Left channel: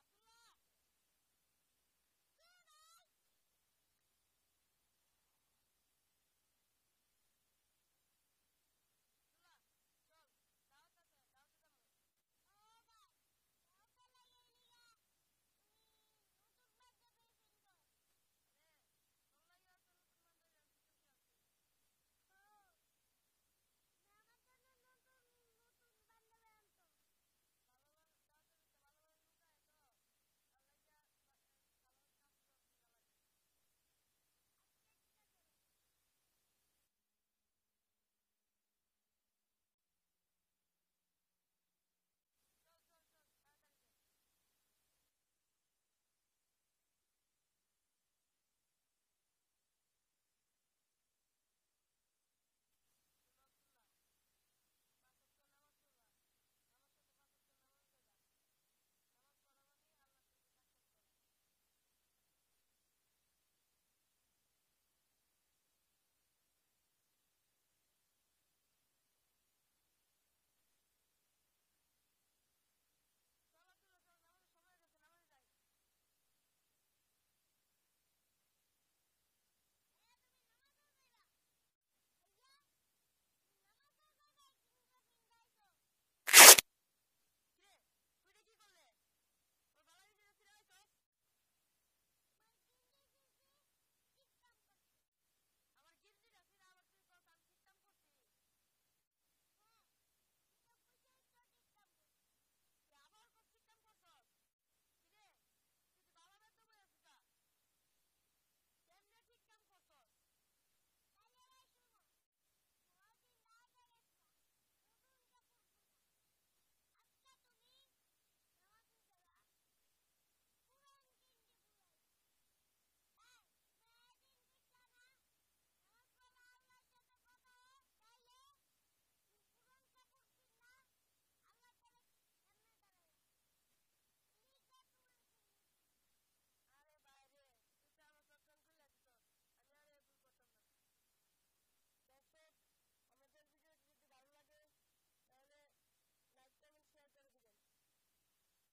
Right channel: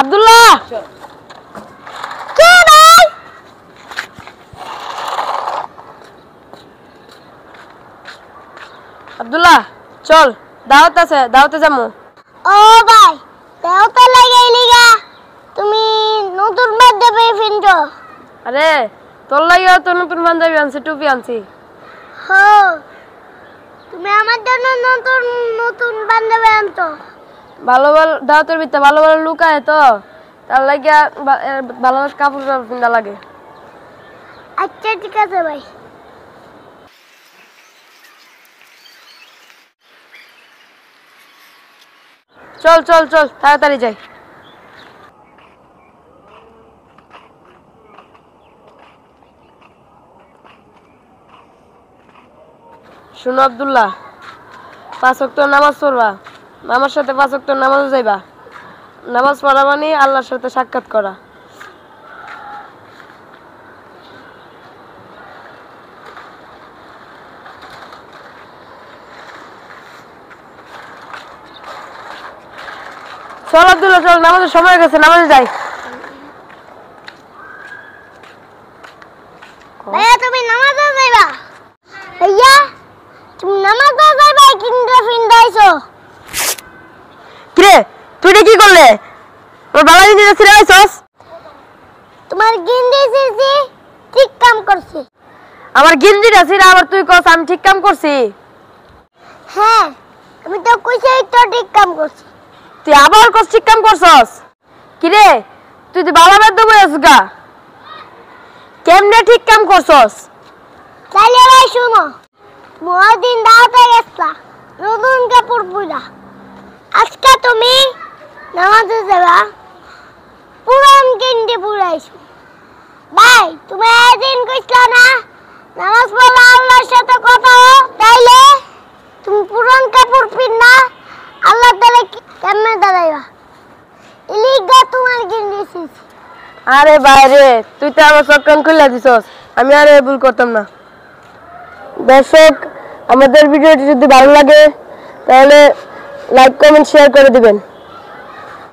আব্দুল্লাহ কে ভাই? আব্দুল্লাহ চল দাওয়াত আছে দাওয়াতে যাবো। ও ভাই দাওয়াত লাগাইলি গা তুমি নতুন বান্ধবী ফিনছো? আরে তোর লাগিও তো নতুন পাঞ্জাবি আনছি টুপি আনছি। হো তুমি আমার জন্য নতুন নতুন বান্ধবী আনছো? ভালো ভালো দাওয়াতের ভিতরে ভালো ভালো লুক আয় তো তার লাগিয়া ভালো কাপড় পিন্ধা লাগে। আচ্ছা ঠিক আছে ভাই। চল চল চল তাড়াতাড়ি যাই। শুনো আব্দুল্লাহ, 5 ওয়াক্ত নামাজ পড়বা, আমার সাথে 5 ওয়াক্ত নামাজে যাইবা। নামাজ পড়া মানে আল্লাহর সাথে সাক্ষাৎ করা। চল আব্দুল্লাহ চল, নামাজের সময় গেছে, নামাজে যাই। ভাইয়া তুমি নামাজে যাইবা? ভাইয়া তুমি নামাজে যাইবা কিন্তু ফিন্দাইছো? কিরে তুই কি করলে? তোর বাবা গিয়ে ছিড়ে আইছস? তোমার গিন্দি সিসি ঠিক কাম করছে। আমার গিঞ্জিটা ছিড়ে আবার তুই কস আমি ঠিক কাম করছি? হ্যাঁ আমি তো কইছি তো ঠিক কাম করছি। তুই আবার কস ঠিক কাম করছস? কিরে তুই তো বাবা বেদ বইছস গা, কেমনে ঠিক কাম করছস? তাহলে ভাই শুনো, মহাদিন দাওয়াতে গেছলা নতুন কাপড় পরা, আজকে তুমি নামাজে যাবা পুরান গিন্দি পুরাইছো। ভাই তুমি একদিন কইছলা না নামাজ পড়লে আল্লাহর সাথে কথা হয়, তাইলে তুমি পুরান কাপড় পিন্না আল্লাহ তাআলা কেমনে দাঁড়াইবা? ইলিগা তোমার গিন্দি সিস। আরে ভাই রে তুই তো আমার চোখ কান খুলে দিছস, আমি আর ভুল করতাম না। দর্শক আমাদের ভিডিওটি যদি ভালো লাগে তাহলে লাইক কমেন্ট শেয়ার করে দিবেন।